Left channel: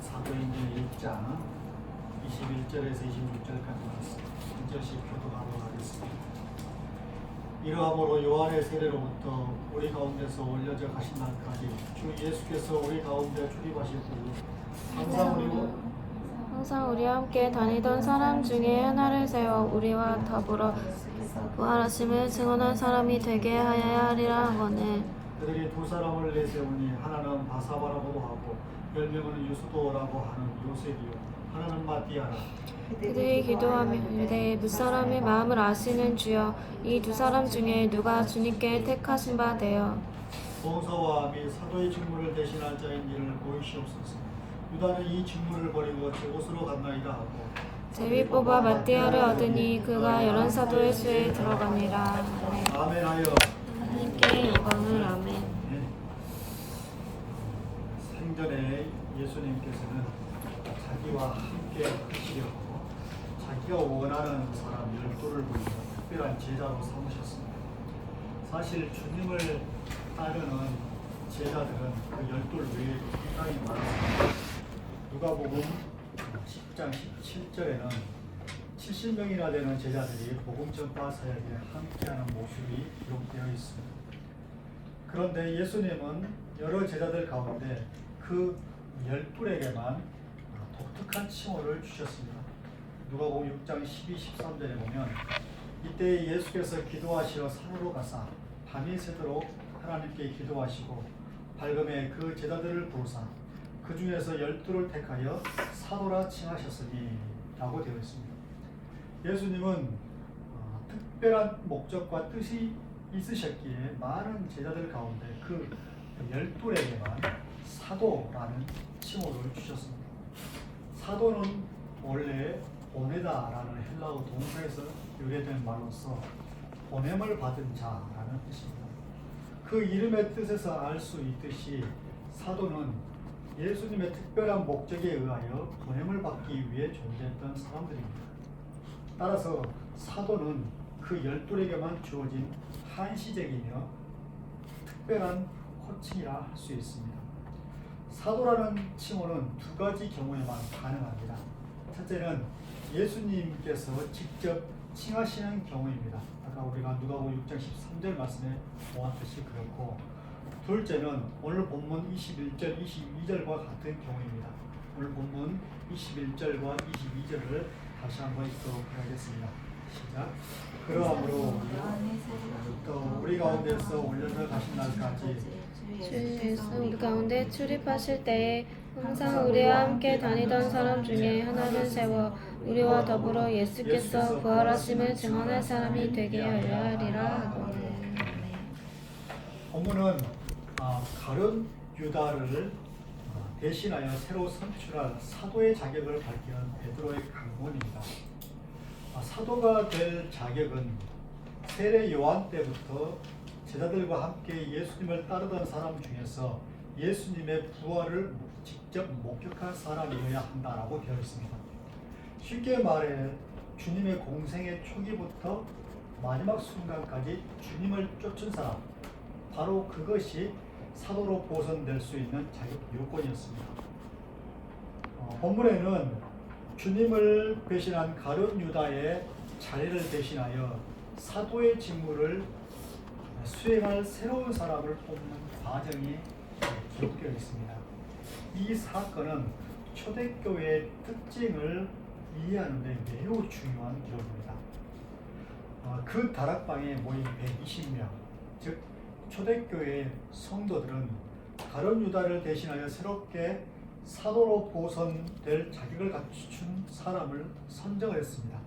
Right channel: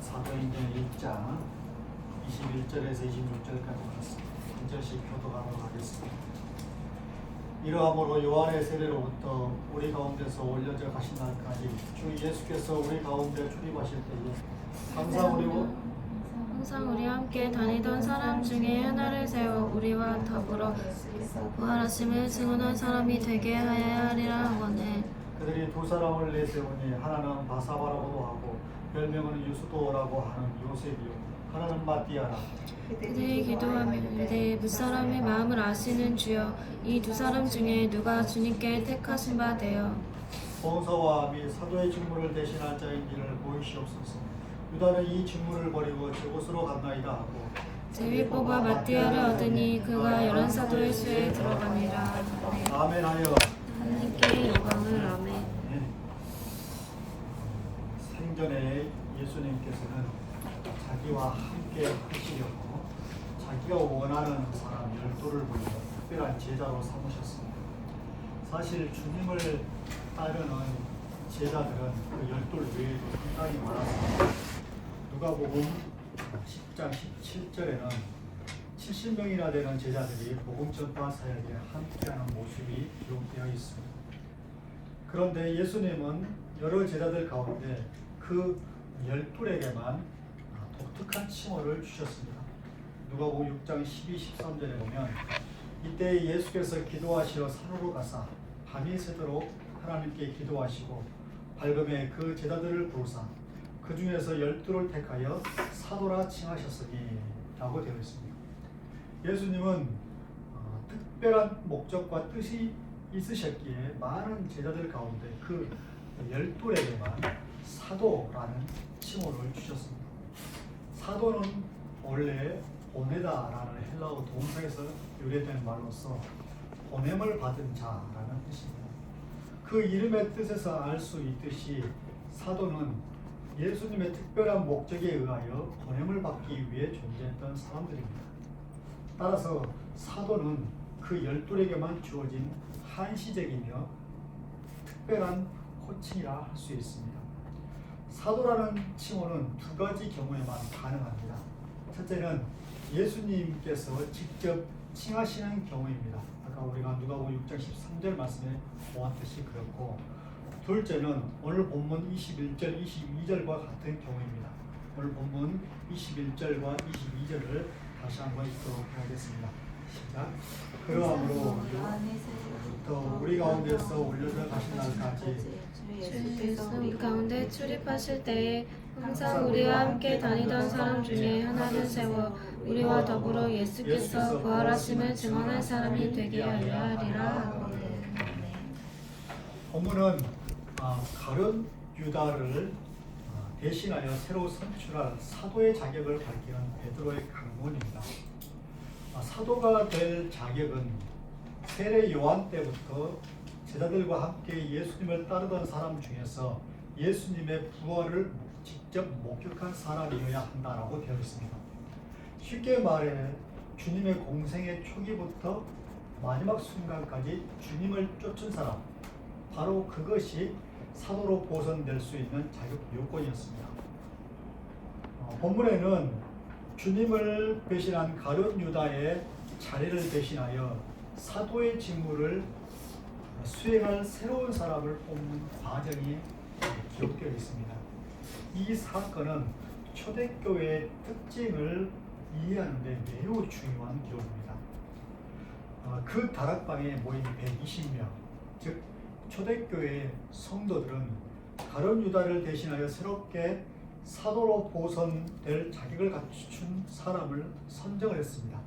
사도행전 1장 21절에서 26절까지 한 절씩 교독하도록 하겠습니다. 이러함으로 요한의 세례로부터 우리 가운데서 올려져 가신 날까지 주 예수께서 우리 가운데 출입하실 때에 항상 우리와 함께 다니던 사람 중에 하나를 세워 우리와 더불어 부활하심을 증언한 사람이 되게 하여야 하리라 하거늘. 그들이 두 사람을 내세우니 하나는 바사바라고도 하고 별명은 유수도라고 하는 요셉이요 하나는 마띠아라. 그들이 기도하며 이르되 무사람의 마음을 아시는 주여, 이 두 사람 중에 누가 주님께 택하신 바 되어 봉사와 및 사도의 직무를 대신할 자인지를 보이시옵소서. 유다는 이 직무를 버리고 저곳으로 갔나이다 하고 제비 뽑아 마띠아를 얻으니 그가 열한 사도의 수에 들어갑니다. 아멘하여 하나님께 영광을. 아멘. 생전에 예수님께서는 자기와 함께 하시려고 자기가 원하는 사람 12를 불러 특별한 제자로 삼으셨습니다. 사실 주님을 따르는 제자들은 그 12 외에 굉장히 많았습니다. 누가복음 10장 17절에는 70명이나 되는 제자들이 복음 전파 사역에 함께하는 모습이 기록되어 있습니다. 그런데 예수님은 여러 제자들 가운데 그 12에게만 독특한 칭호를 주셨습니다. 누가복음 6장 12, 13절에 보면 이때 예수께서 기도하시러 산으로 가사 밤이 새도록 하나님께 기도하시고 밝음에 그 제자들을 부르사 그 중에서 12를 택하여 사도라 칭하셨으니 라고 되어 있습니다. 예수님은 특별한 목적과 뜻이 있으셨기에 많은 제자들 가운데 그 12에게만 사도라는 칭호를 주셨습니다. 사도는 원래 보내다라는 헬라어 동사에서 유래된 말로서 보냄을 받은 자라는 뜻입니다. 그 이름의 뜻에서 알 수 있듯이 사도는 예수님의 특별한 목적에 의하여 보냄을 받기 위해 존재했던 사람들입니다. 따라서 사도는 그 12에게만 주어진 한시적이며 특별한 호칭이라 할 수 있습니다. 사도라는 칭호는 두 가지 경우에만 가능합니다. 첫째는 예수님께서 직접 칭하시는 경우입니다. 아까 우리가 누가복음 6장 13절 말씀에 보았듯이 그렇고, 둘째는 오늘 본문 21절, 22절과 같은 경우입니다. 오늘 본문 21절과 22절을 다시 한번 읽도록 하겠습니다. 시작. 그러함으로 우리 가운데서 올려져 가신 날까지 주 예수 우리 가운데 출입하실 때에 항상 우리와 함께 다니던 사람 중에 하나를 세워 우리와 더불어 예수께서 부활하심을 증언할 사람이 되게 하려 하리라. 본문은 가룟 유다를 대신하여 새로 선출한 사도의 자격을 밝히는 베드로의 강론입니다. 사도가 될 자격은 세례 요한 때부터 제자들과 함께 예수님을 따르던 사람 중에서 예수님의 부활을 직접 목격한 사람이어야 한다라고 되어 있습니다. 쉽게 말해 주님의 공생의 초기부터 마지막 순간까지 주님을 쫓은 사람, 바로 그것이 사도로 보선될 수 있는 자격 요건이었습니다. 본문에는 주님을 배신한 가룟 유다의 자리를 대신하여 사도의 직무를 수행할 새로운 사람을 뽑는 과정이 기록되어 있습니다. 이 사건은 초대교회의 특징을 이해하는 데 매우 중요한 기록입니다. 그 다락방에 모인 120명, 즉 초대교회의 성도들은 가룟 유다를 대신하여 새롭게 사도로 보선될 자격을 갖춘 사람을 선정을 했습니다.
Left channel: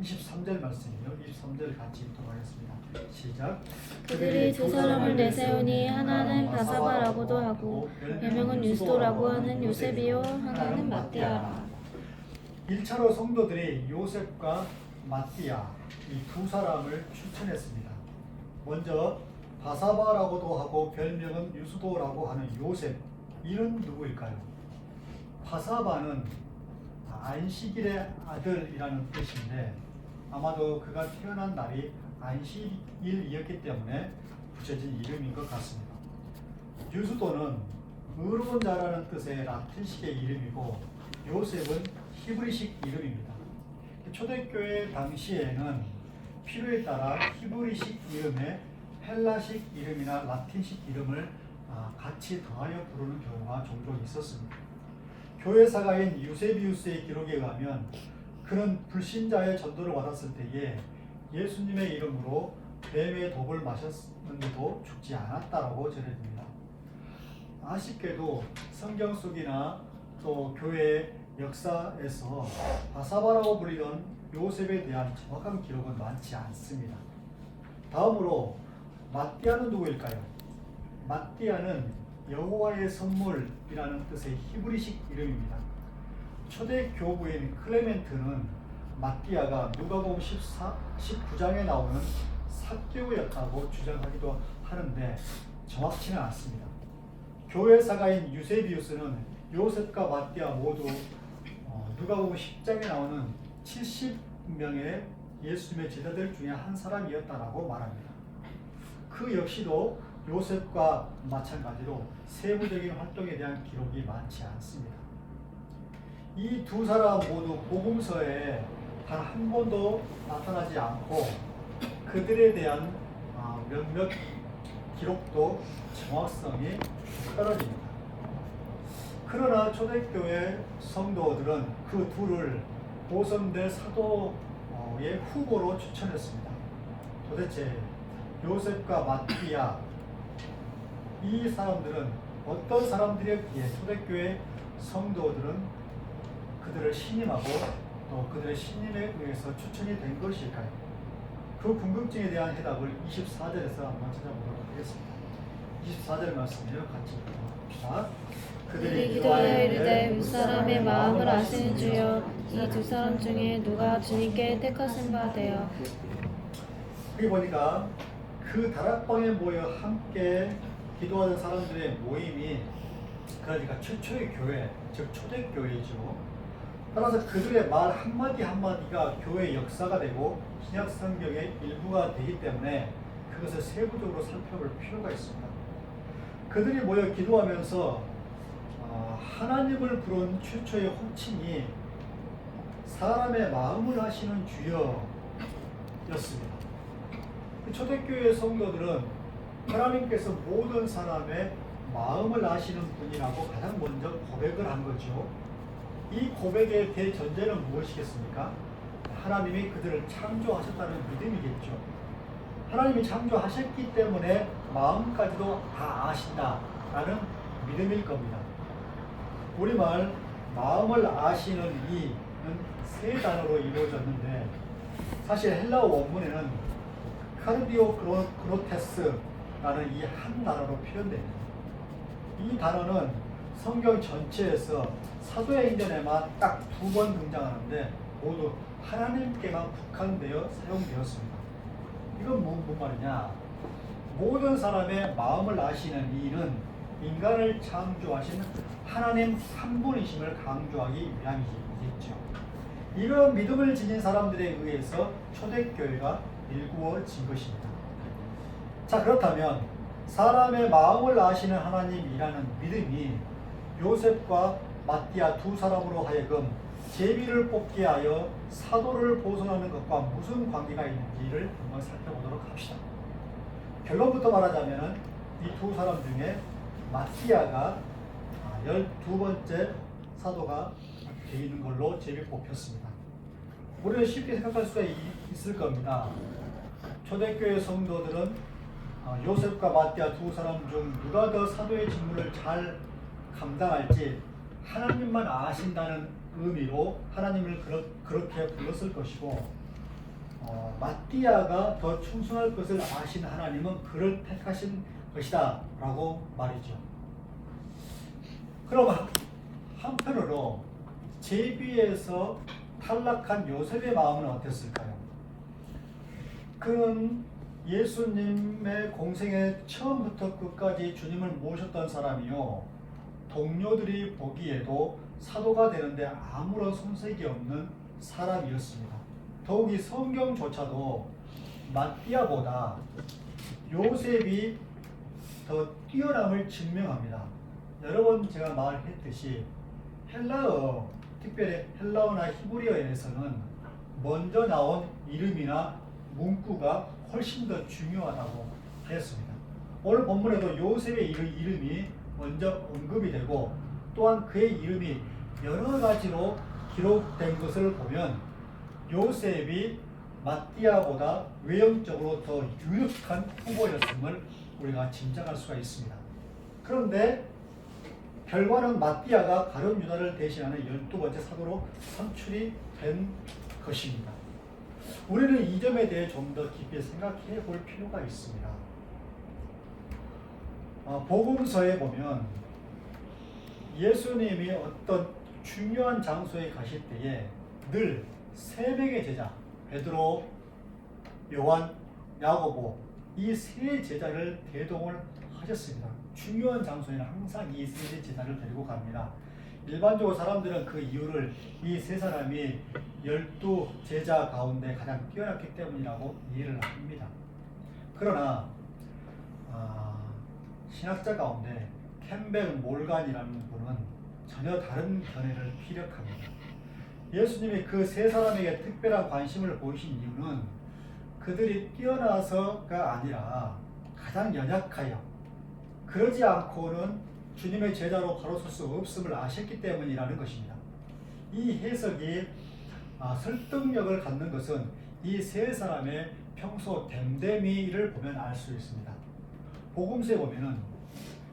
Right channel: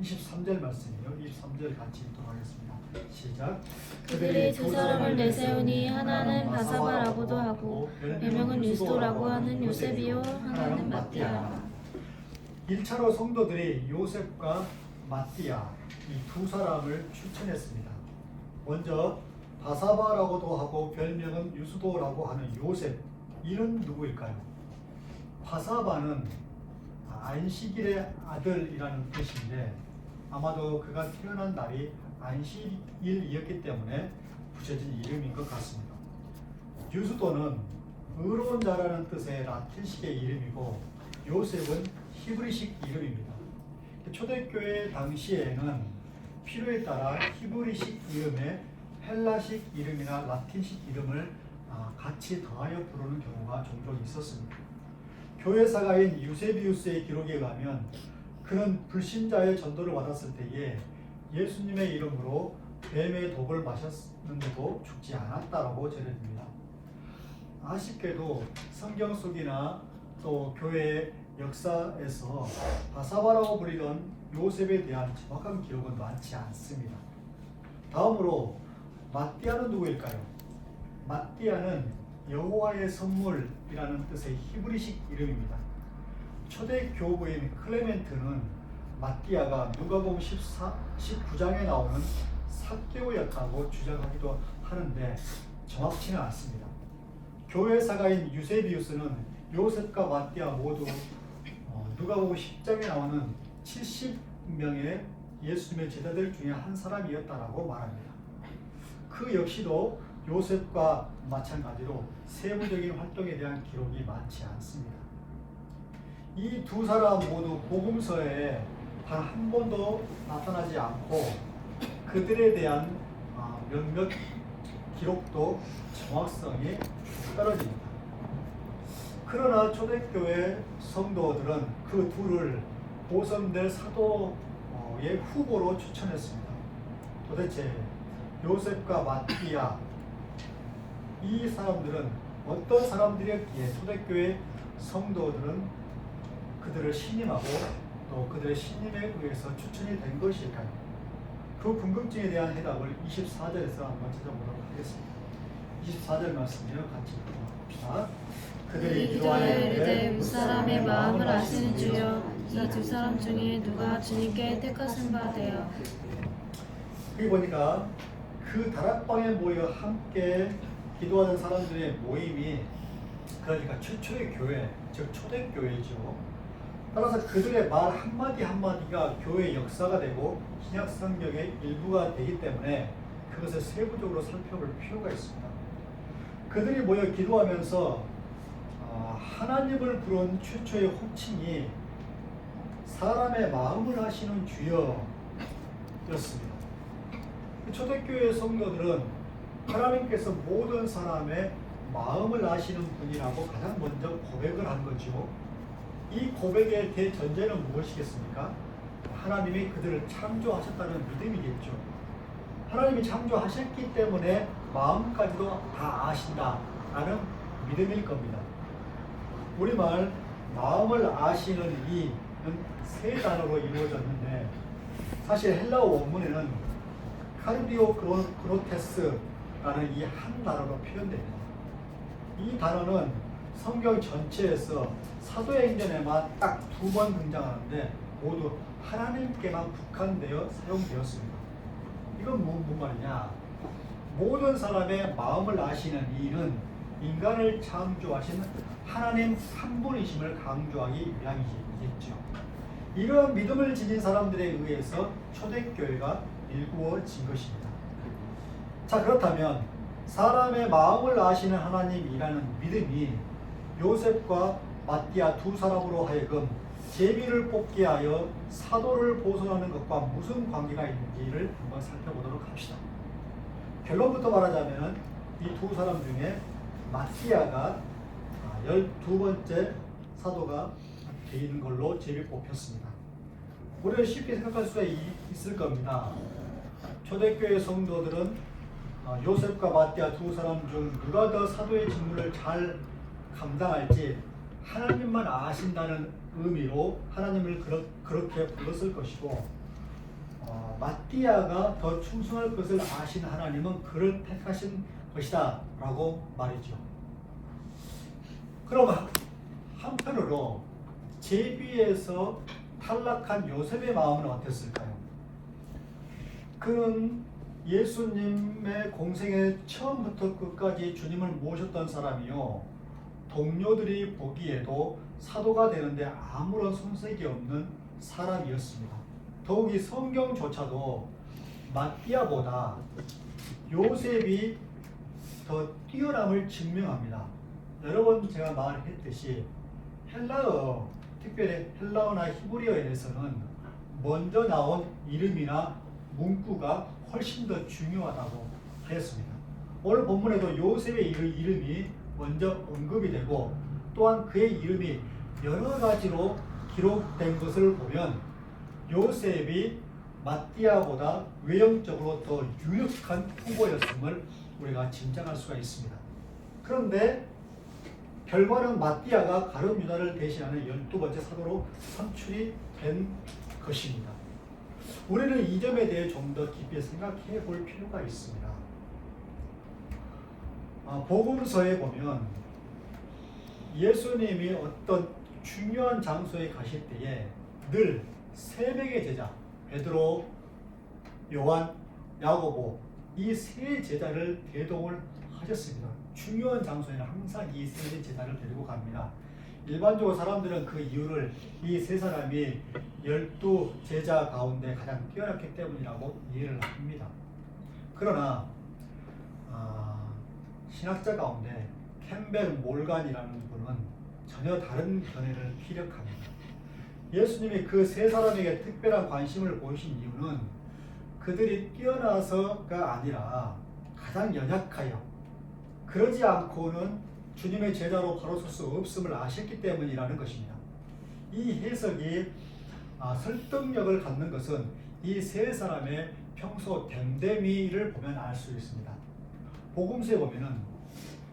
23절 말씀이에요. 23절 같이 읽도록 하겠습니다. 시작. 그들이 두 사람을 내세우니 하나는 바사바라고도 하고 별명은 유수도라고 하는 요셉이요 하나는 마띠아라. 1차로 성도들이 요셉과 마띠아 이 두 사람을 추천했습니다. 먼저 바사바라고도 하고 별명은 유수도라고 하는 요셉, 이는 누구일까요? 바사바는 안식일의 아들이라는 뜻인데 아마도 그가 태어난 날이 안식일이었기 때문에 붙여진 이름인 것 같습니다. 유수도는 의로운 자라는 뜻의 라틴식의 이름이고 요셉은 히브리식 이름입니다. 초대교회 당시에는 필요에 따라 히브리식 이름에 헬라식 이름이나 라틴식 이름을 같이 더하여 부르는 경우가 종종 있었습니다. 교회사가인 유세비우스의 기록에 의하면 그는 불신자의 전도를 받았을 때에 예수님의 이름으로 뱀의 독을 마셨는데도 죽지 않았다라고 전해집니다. 아쉽게도 성경 속이나 또 교회의 역사에서 바사바라고 불리던 요셉에 대한 정확한 기록은 많지 않습니다. 다음으로 마띠아는 누구일까요? 마띠아는 여호와의 선물이라는 뜻의 히브리식 이름입니다. 초대 교부인 클레멘트는 마띠아가 누가복음 19장에 나오는 삭개오였다고 주장하기도 하는데 정확치는 않습니다. 교회 사가인 유세비우스는 요셉과 마띠아 모두 누가복음 10장에 나오는 70명의 예수님의 제자들 중에 한 사람이었다라고 말합니다. 그 역시도 요셉과 마찬가지로 세부적인 활동에 대한 기록이 많지 않습니다. 이 두 사람 모두 복음서에 단 한 번도 나타나지 않고 그들에 대한 몇몇 기록도 정확성이 떨어집니다. 그러나 초대교회 성도들은 그 둘을 보선될 사도의 후보로 추천했습니다. 도대체 요셉과 마띠아 이 사람들은 어떤 사람들이었기에 초대교회 성도들은 그들을 신임하고 또 그들의 신임에 의해서 추천이 된 것일까요? 그 궁금증에 대한 해답을 24절에서 한번 찾아보도록 하겠습니다. 24절 말씀이요 같이 읽어봅시다. 그들이 기도하여 이르되 무사람의 마음을 아시는 주여 이 두 사람 중에 누가 주님께 택하신 바 되어. 여기 보니까 그 다락방에 모여 함께 기도하는 사람들의 모임이 그러니까 최초의 교회, 즉 초대교회이죠. 따라서 그들의 말 한마디 한마디가 교회의 역사가 되고 신약 성경의 일부가 되기 때문에 그것을 세부적으로 살펴볼 필요가 있습니다. 그들이 모여 기도하면서 하나님을 부른 최초의 호칭이 사람의 마음을 아시는 주여였습니다. 초대교회 성도들은 하나님께서 모든 사람의 마음을 아시는 분이라고 가장 먼저 고백을 한 거죠. 이 고백의 대전제는 무엇이겠습니까? 하나님이 그들을 창조하셨다는 믿음이겠죠. 하나님이 창조하셨기 때문에 마음까지도 다 아신다라는 믿음일 겁니다. 우리말 마음을 아시는 이는 세 단어로 이루어졌는데 사실 헬라어 원문에는 카르디오 그노테스라는 이 한 단어로 표현됩니다. 이 단어는 성경 전체에서 사도행전에만 딱 2번 등장하는데 모두 하나님께만 국한되어 사용되었습니다. 이건 무슨 말이냐? 모든 사람의 마음을 아시는 이는 인간을 창조하신 하나님 한 분이심을 강조하기 위함이겠죠. 이런 믿음을 지닌 사람들에 의해서 초대교회가 일구어진 것입니다. 자, 그렇다면 사람의 마음을 아시는 하나님이라는 믿음이 요셉과 마띠아 두 사람으로 하여금 제비를 뽑게 하여 사도를 보존하는 것과 무슨 관계가 있는지를 한번 살펴보도록 합시다. 결론부터 말하자면 이 두 사람 중에 마띠아가 12번째 사도가 되는 걸로 제비 뽑혔습니다. 우리는 쉽게 생각할 수가 있을 겁니다. 초대교회 성도들은 요셉과 마띠아 두 사람 중 누가 더 사도의 직무를 잘 감당할지 하나님만 아신다는 의미로 하나님을 그렇게 불렀을 것이고 마띠아가 더 충성할 것을 아신 하나님은 그를 택하신 것이다 라고 말이죠. 그럼 한편으로 제비에서 탈락한 요셉의 마음은 어땠을까요? 그는 예수님의 공생의 처음부터 끝까지 주님을 모셨던 사람이요, 동료들이 보기에도 사도가 되는데 아무런 손색이 없는 사람이었습니다. 더욱이 성경조차도 마띠아보다 요셉이 더 더 뛰어남을 증명합니다. 여러 번 제가 말했듯이 헬라어, 특별히 헬라어나 히브리어에서는 먼저 나온 이름이나 문구가 훨씬 더 중요하다고 하였습니다. 오늘 본문에도 요셉의 이름이 먼저 언급이 되고 또한 그의 이름이 여러 가지로 기록된 것을 보면 요셉이 마띠아보다 외형적으로 더 유력한 후보였음을 우리가 짐작할 수가 있습니다. 그런데 결과는 마띠아가 가룟 유다를 대신하는 12번째 사도로 선출이 된 것입니다. 우리는 이 점에 대해 좀 더 깊이 생각해 볼 필요가 있습니다. 복음서에 보면 예수님이 어떤 중요한 장소에 가실 때에 늘 세 명의 제자, 베드로, 요한, 야고보 이 세 제자를 대동을 하셨습니다. 중요한 장소에는 항상 이 세 제자를 데리고 갑니다. 일반적으로 사람들은 그 이유를 이 세 사람이 12제자 가운데 가장 뛰어났기 때문이라고 이해를 합니다. 그러나 신학자 가운데 캠벨 몰간이라는 분은 전혀 다른 견해를 피력합니다. 예수님이 그 세 사람에게 특별한 관심을 보이신 이유는 그들이 뛰어나서가 아니라 가장 연약하여 그러지 않고는 주님의 제자로 바로 설 수 없음을 아셨기 때문이라는 것입니다. 이 해석이 설득력을 갖는 것은 이 세 사람의 평소 됨됨이를 보면 알 수 있습니다. 복음서에 보면은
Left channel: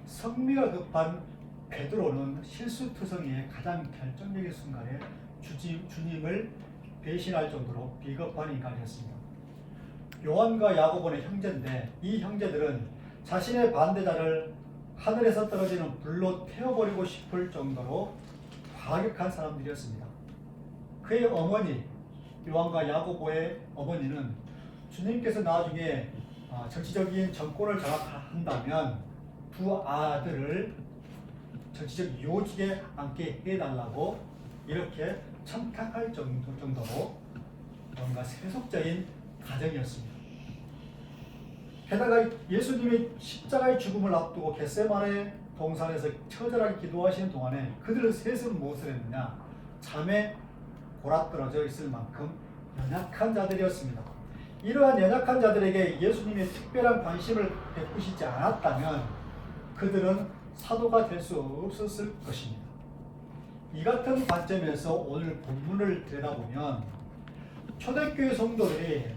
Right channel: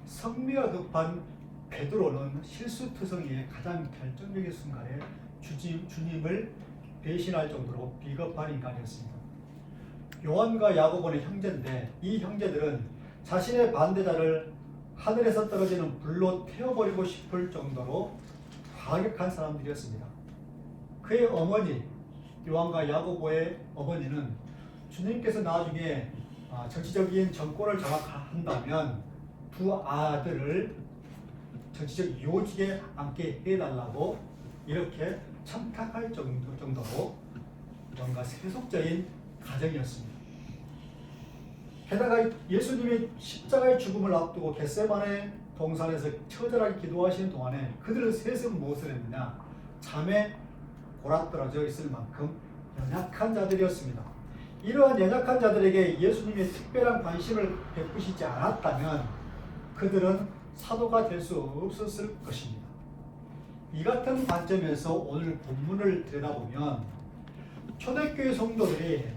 성미가 급한 베드로는 실수투성이의 가장 결정적인 순간에 주님을 배신할 정도로 비겁한 인간이었습니다. 요한과 야고보는 형제인데 이 형제들은 자신의 반대자를 하늘에서 떨어지는 불로 태워버리고 싶을 정도로 과격한 사람들이었습니다. 그의 어머니 요한과 야고보의 어머니는 주님께서 나중에 정치적인 정권을 장악한다면 두 아들을 정치적 요직에 앉게 해달라고 이렇게 청탁할 정도로 뭔가 세속적인 가정이었습니다. 게다가 예수님의 십자가의 죽음을 앞두고 겟세마네 동산에서 처절하게 기도하시는 동안에 그들은 셋은 무엇을 했느냐? 잠에 골아떨어져 있을 만큼 연약한 자들이었습니다. 이러한 연약한 자들에게 예수님이 특별한 관심을 베푸시지 않았다면 그들은 사도가 될 수 없었을 것입니다. 이 같은 관점에서 오늘 본문을 들여다보면 초대교회 성도들이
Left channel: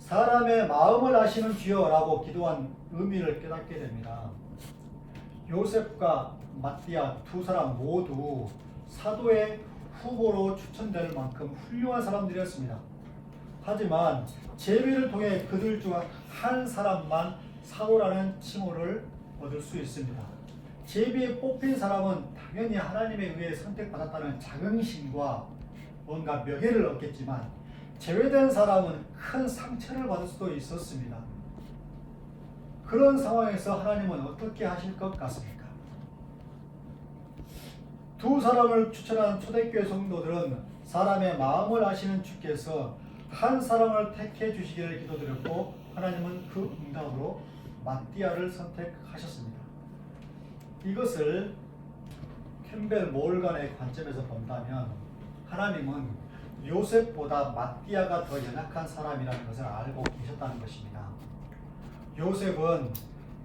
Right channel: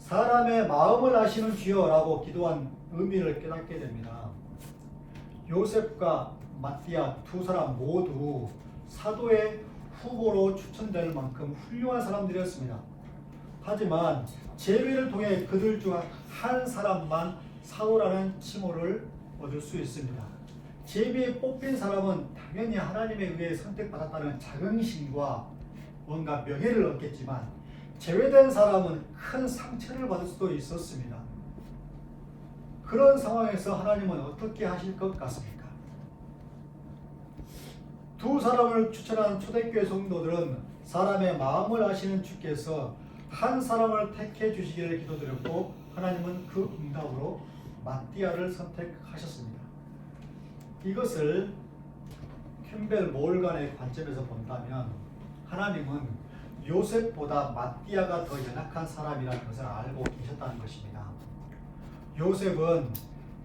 사람의 마음을 아시는 주여라고 기도한 의미를 깨닫게 됩니다. 요셉과 마띠아 두 사람 모두 사도의 후보로 추천될 만큼 훌륭한 사람들이었습니다. 하지만 제비를 통해 그들 중 한 사람만 사도라는 칭호를 얻을 수 있습니다. 제비에 뽑힌 사람은 당연히 하나님에 의해 선택받았다는 자긍심과 뭔가 명예를 얻겠지만 제외된 사람은 큰 상처를 받을 수도 있었습니다. 그런 상황에서 하나님은 어떻게 하실 것 같습니까? 두 사람을 추천한 초대교회 성도들은 사람의 마음을 아시는 주께서 한 사람을 택해 주시기를 기도드렸고 하나님은 그 응답으로 마띠아를 선택하셨습니다. 이것을 캠벨 몰간의 관점에서 본다면 하나님은 요셉보다 마띠아가 더 연약한 사람이라는 것을 알고 계셨다는 것입니다. 요셉은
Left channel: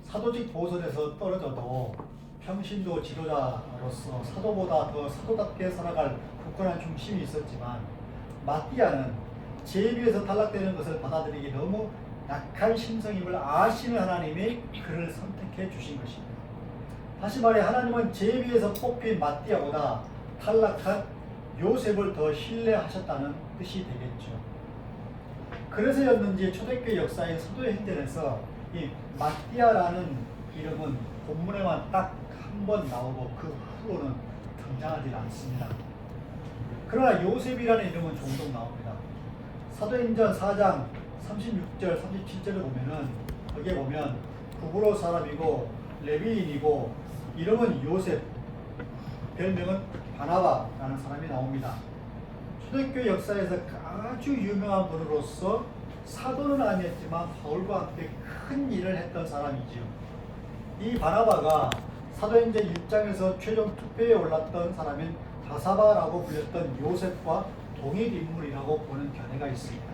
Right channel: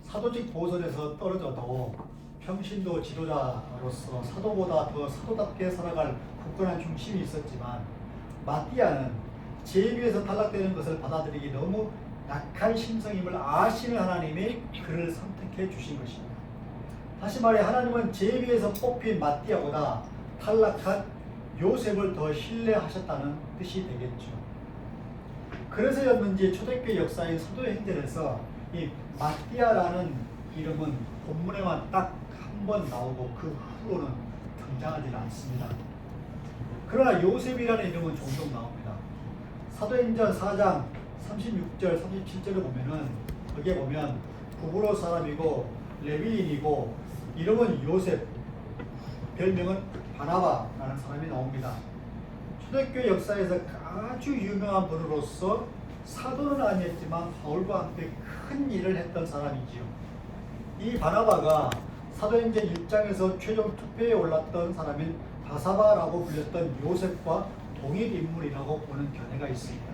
사도직 보선에서 떨어져도 평신도 지도자로서 사도보다 더 사도답게 살아갈 굳건한 중심이 있었지만 마띠아는 제비에서 탈락되는 것을 받아들이기 너무 약한 심성임을 아시는 하나님이 그를 선택해 주신 것입니다. 다시 말해 하나님은 제비에서 뽑힌 마띠아보다 탈락한 요셉을 더 신뢰하셨다는 뜻이 되겠죠. 그래서였는지 초대교회 역사인 사도의 행전에서 이 마띠아라는 이름은 본문에만 딱 한 번 나오고 그 후로는 등장하지 않습니다. 그러나 요셉이라는 이름은 종종 나옵니다. 사도행전 4장 36절 37절을 보면은 거기에 보면 구브로 사람이고 레위인이고 이름은 요셉, 별명은 바나바라는 사람이 나옵니다. 초대교회 역사에서 아주 유명한 분으로서 사도는 아니었지만 바울과 함께 큰 일을 했던 사람이지요. 이 바나바가 사도행전 1장에서 최종 투표에 올랐던 사람인 바사바라고 불렸던 요셉과 동일 인물이라고 보는 견해가 있습니다.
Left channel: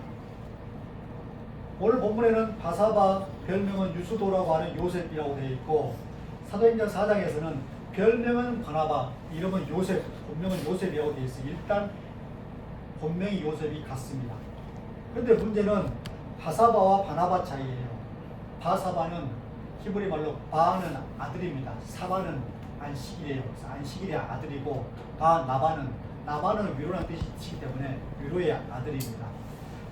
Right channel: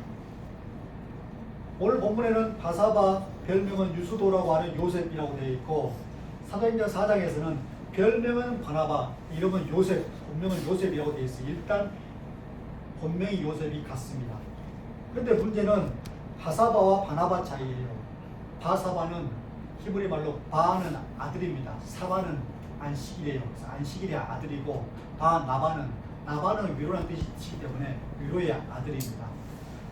오늘 본문에는 바사바 별명은 유수도라고 하는 요셉이라고 되어 있고, 사도행전 4장에서는 별명은 바나바, 이름은 요셉, 본명은 요셉이라고 되어 있어요. 일단 본명이 요셉이 같습니다. 그런데 문제는 바사바와 바나바 차이예요. 바사바는 히브리 말로 바는 아들입니다. 사바는 안식일이에요. 안식일의 아들이고, 나바는 위로라는 뜻이기 때문에 위로의 아들입니다.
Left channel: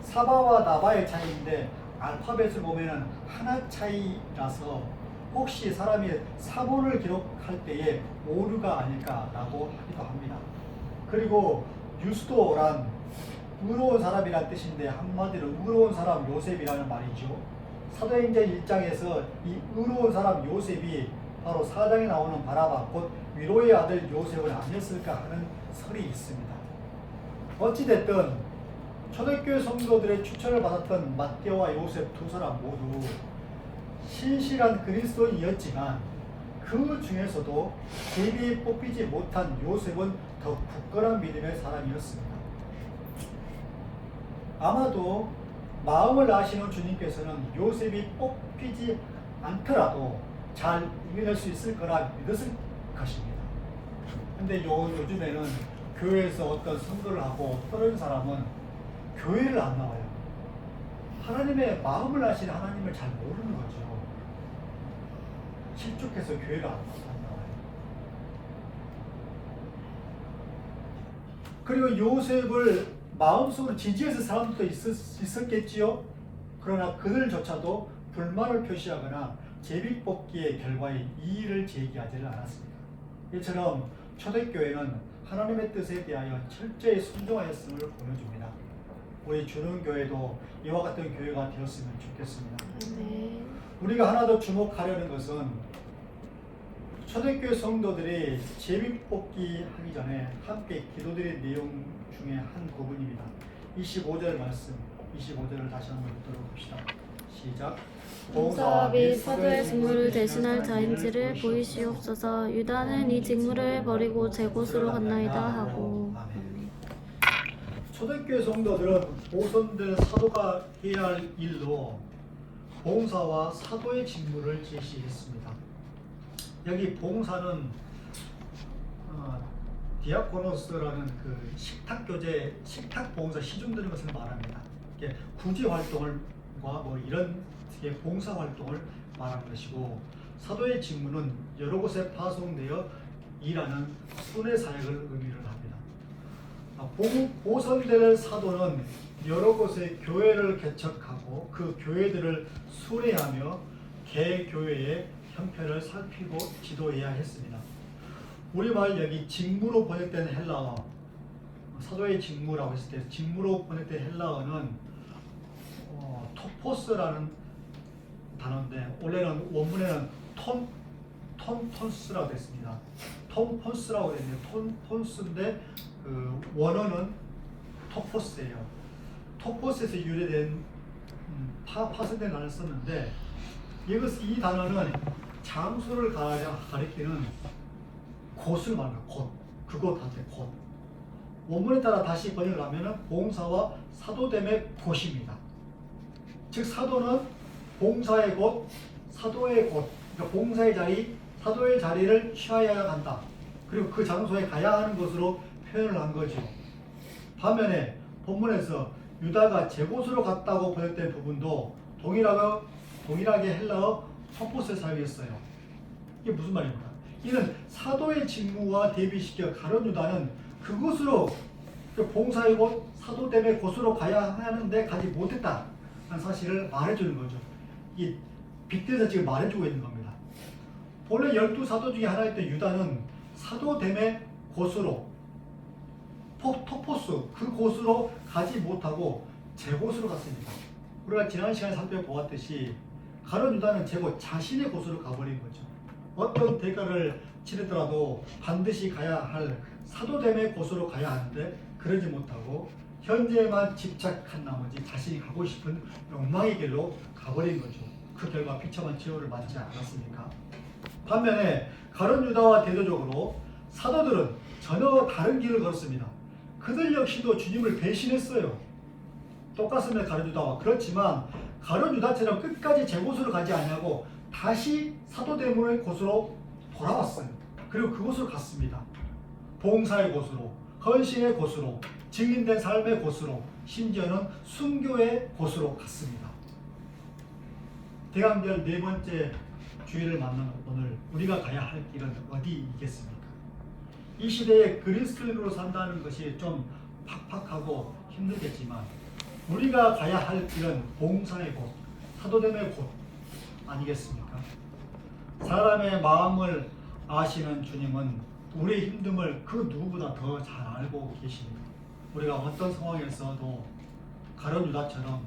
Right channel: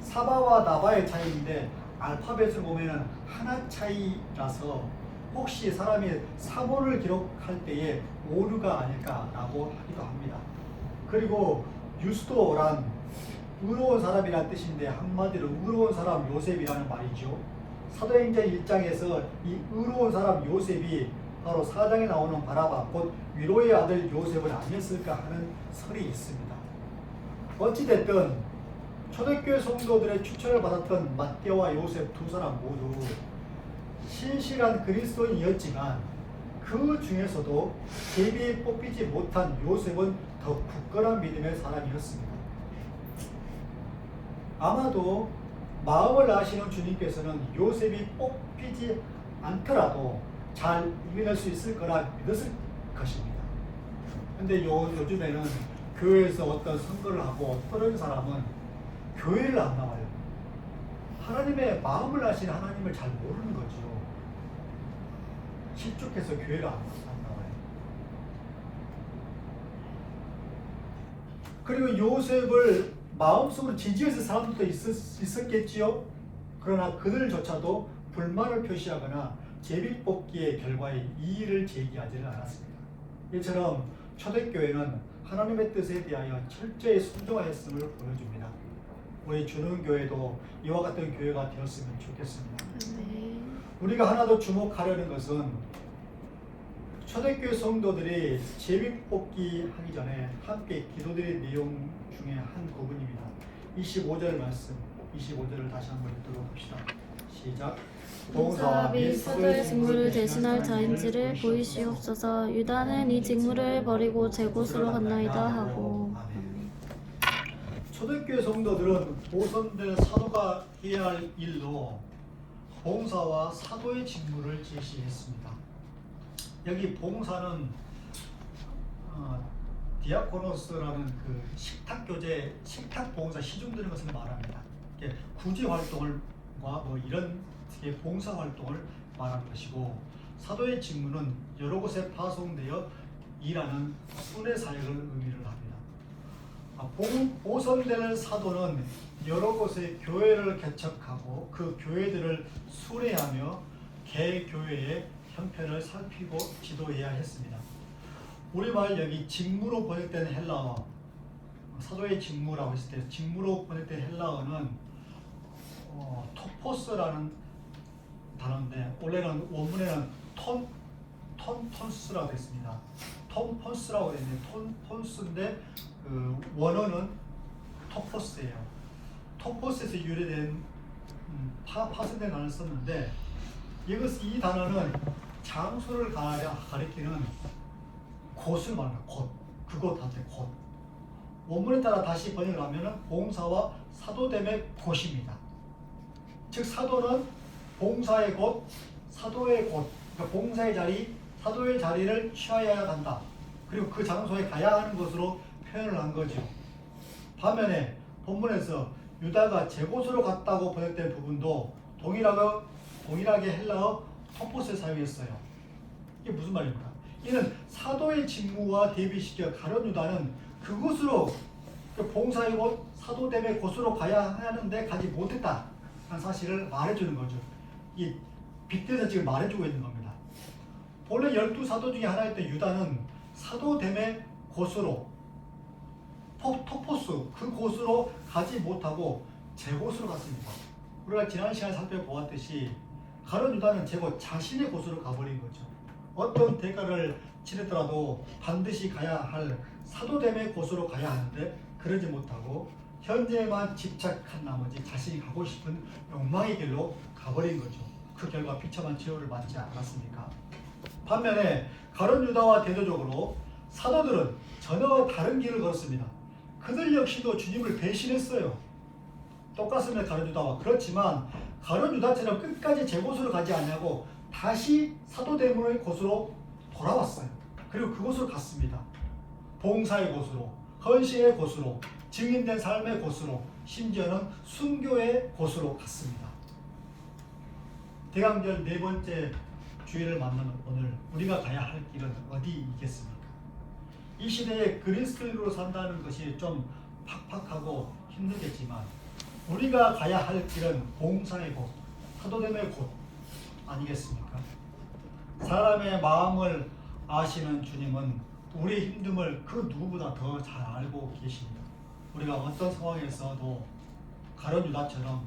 사바와 나바의 차이인데 알파벳을 보면은 하나 차이라서 혹시 사람이 사본을 기록할 때에 오류가 아닐까라고 하기도 합니다. 그리고 유스도란 의로운 사람이라는 뜻인데 한마디로 의로운 사람 요셉이라는 말이죠. 사도행전 1장에서 이 의로운 사람 요셉이 바로 4장에 나오는 바나바, 곧 위로의 아들 요셉은 아니었을까 하는 설이 있습니다. 어찌됐든 초대교회 성도들의 추천을 받았던 맏대와 요셉 두 사람 모두 신실한 그리스도인이었지만 그 중에서도 제비에 뽑히지 못한 요셉은 더 굳건한 믿음의 사람이었습니다. 아마도 마음을 아시는 주님께서는 요셉이 뽑히지 않더라도 잘 이겨낼 수 있을 거라 믿었을 것입니다. 근데 요즘에는 교회에서 어떤 선거를 하고 어떤 사람은 교회를 안 나와요. 하나님의 마음을 아시는 하나님을 잘 모르는 거죠. 실족해서 교회를 안 나와요. 그리고 요셉을 마음속으로 지지해서 사람도 있었겠지요. 그러나 그들조차도 불만을 표시하거나 제비뽑기의 결과에 이의를 제기하지는 않았습니다. 이처럼 초대교회는 하나님의 뜻에 대하여 철저히 순종하였음을 보여줍니다. 우리 주는교회도 이와 같은 교회가 되었으면 좋겠습니다. 우리가 하나 더 주목하려는 것은 초대교회 성도들이 제비뽑기 하기 전에 함께 기도드린 내용 중에 한 부분입니다. 25절 말씀, 25절을 다시 한번 읽도록 합시다. 시작. 봉사와 및 사도의 직무를 대신할 자인지를 보이시옵소서. 유다는 이 직무를 버리고 제 곳으로 갔나이다 하고. 아멘. 초대교회 성도들은 보선된 사도가 해야 할 일로 봉사와 사도의 직무를 제시했습니다. 여기 봉사는 디아코노스라는 그 식탁 교제, 식탁 봉사 시중 드는 것을 말합니다. 이게 구제 활동을 뭐 이런 봉사 활동을 말하는 것이고, 사도의 직무는 여러 곳에 파송되어 일하는 순회 사역을 의미를 합니다. 보선되는 사도는 여러 곳에 교회를 개척하고 그 교회들을 순회하며 개교회의 형편을 살피고 지도해야 했습니다. 우리말 여기 직무로 번역된 헬라어, 사도의 직무라고 했을 때 직무로 번역된 헬라어는 토포스라는 단어인데 원래는 원문에는 톤폰스라고 했습니다. 톤폰스라고 되는데 톤폰스인데 원어는 토포스예요. 토포스에서 유래된 파생된 단어를 썼는데 이 단어는 장소를 가리키는 곳을 말하는 곳, 그곳 한테 곳. 원문에 따라 다시 번역을 하면 봉사와 사도됨의 곳입니다. 즉 사도는 봉사의 곳, 사도의 곳, 그러니까 봉사의 자리, 사도의 자리를 취하여야 한다. 그리고 그 장소에 가야 하는 것으로 표현을 한 거죠. 반면에 본문에서 유다가 제 곳으로 갔다고 번역된 부분도 동일하게 헬라어 토포스에 사용했어요. 이게 무슨 말입니까? 이는 사도의 직무와 대비시켜 가룟 유다는 그곳으로, 그 봉사의 곳, 사도됨의 곳으로 가야 하는데 가지 못했다 하는 사실을 말해주는 거죠. 이 빗대서 지금 말해주고 있는 겁니다. 본래 12사도 중에 하나였던 유다는 사도됨의 곳으로, 토포스, 그 곳으로 가지 못하고 제 곳으로 갔습니다. 우리가 지난 시간에 살펴보았듯이 가룟 유다는 제곳, 자신의 곳으로 가버린 거죠. 어떤 대가를 치르더라도 반드시 가야 할 사도됨의 곳으로 가야 하는데 그러지 못하고 현재에만 집착한 나머지 자신이 가고 싶은 욕망의 길로 가버린 거죠. 그 결과 비참한 치료를 받지 않았습니까? 반면에 가룟 유다와 대조적으로 사도들은 전혀 다른 길을 걸었습니다. 그들 역시도 주님을 배신했어요. 똑같습니다. 가룟 유다와. 그렇지만 가룟 유다처럼 끝까지 제 곳으로 가지 아니하고 다시 사도대문의 곳으로 돌아왔어요. 그리고 그곳으로 갔습니다. 봉사의 곳으로, 헌신의 곳으로, 증인된 삶의 곳으로, 심지어는 순교의 곳으로 갔습니다. 대강절 네 번째 주일을 맞는 오늘 우리가 가야 할 길은 어디이겠습니까? 이 시대에 그리스도인으로 산다는 것이 좀 팍팍하고 힘들겠지만 우리가 가야 할 길은 봉사의 곳, 사도됨의 곳 아니겠습니까? 사람의 마음을 아시는 주님은 우리의 힘듦을 그 누구보다 더 잘 알고 계십니다. 우리가 어떤 상황에서도 가룟 유다처럼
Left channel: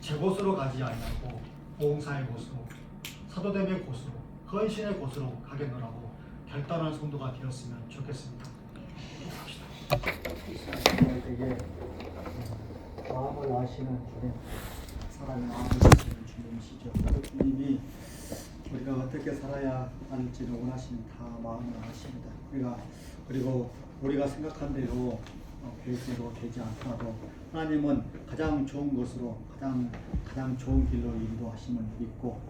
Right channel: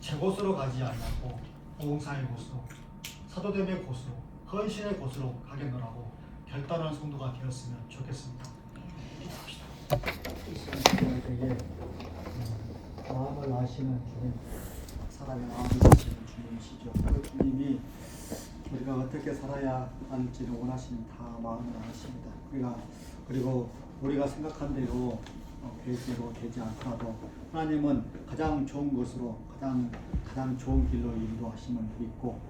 제 곳으로 가지 않고 봉사의 곳으로, 사도됨의 곳으로, 헌신의 곳으로 가겠노라고 결단한 성도가 되었으면 좋겠습니다. 되게 마음을 아시는 주님, 사람의 마음을 아시는 주님이시죠. 그 주님이 우리가 어떻게 살아야 할지를 원하시는 다 마음을 아십니다. 그리고 우리가 생각한 대로 계획대로 되지 않더라도 하나님은 가장 좋은 것으로 가장 좋은 길로 인도하심을 믿고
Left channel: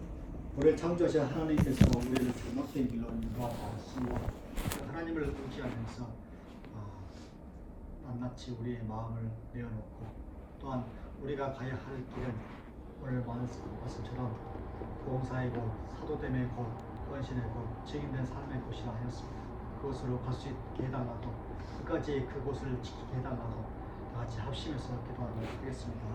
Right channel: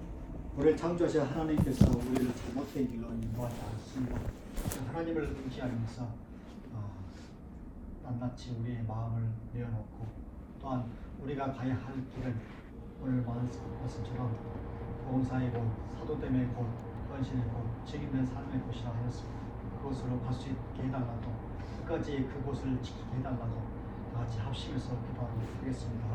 우리를 창조하신 하나님께서 우리를 잘못된 길로 인도하십니다. 하나님을 의지하면서 낱낱이 우리의 마음을 내어놓고 또한 우리가 가야 할 길은 오늘 말씀처럼 봉사의 곳, 사도됨의 곳, 헌신의 곳, 증인된 삶의 곳이라 하였습니다. 그곳으로 갈 수 있게 해달라고 끝까지 그곳을 지키게 해달라고 다 같이 합심해서 기도하도록 하겠습니다.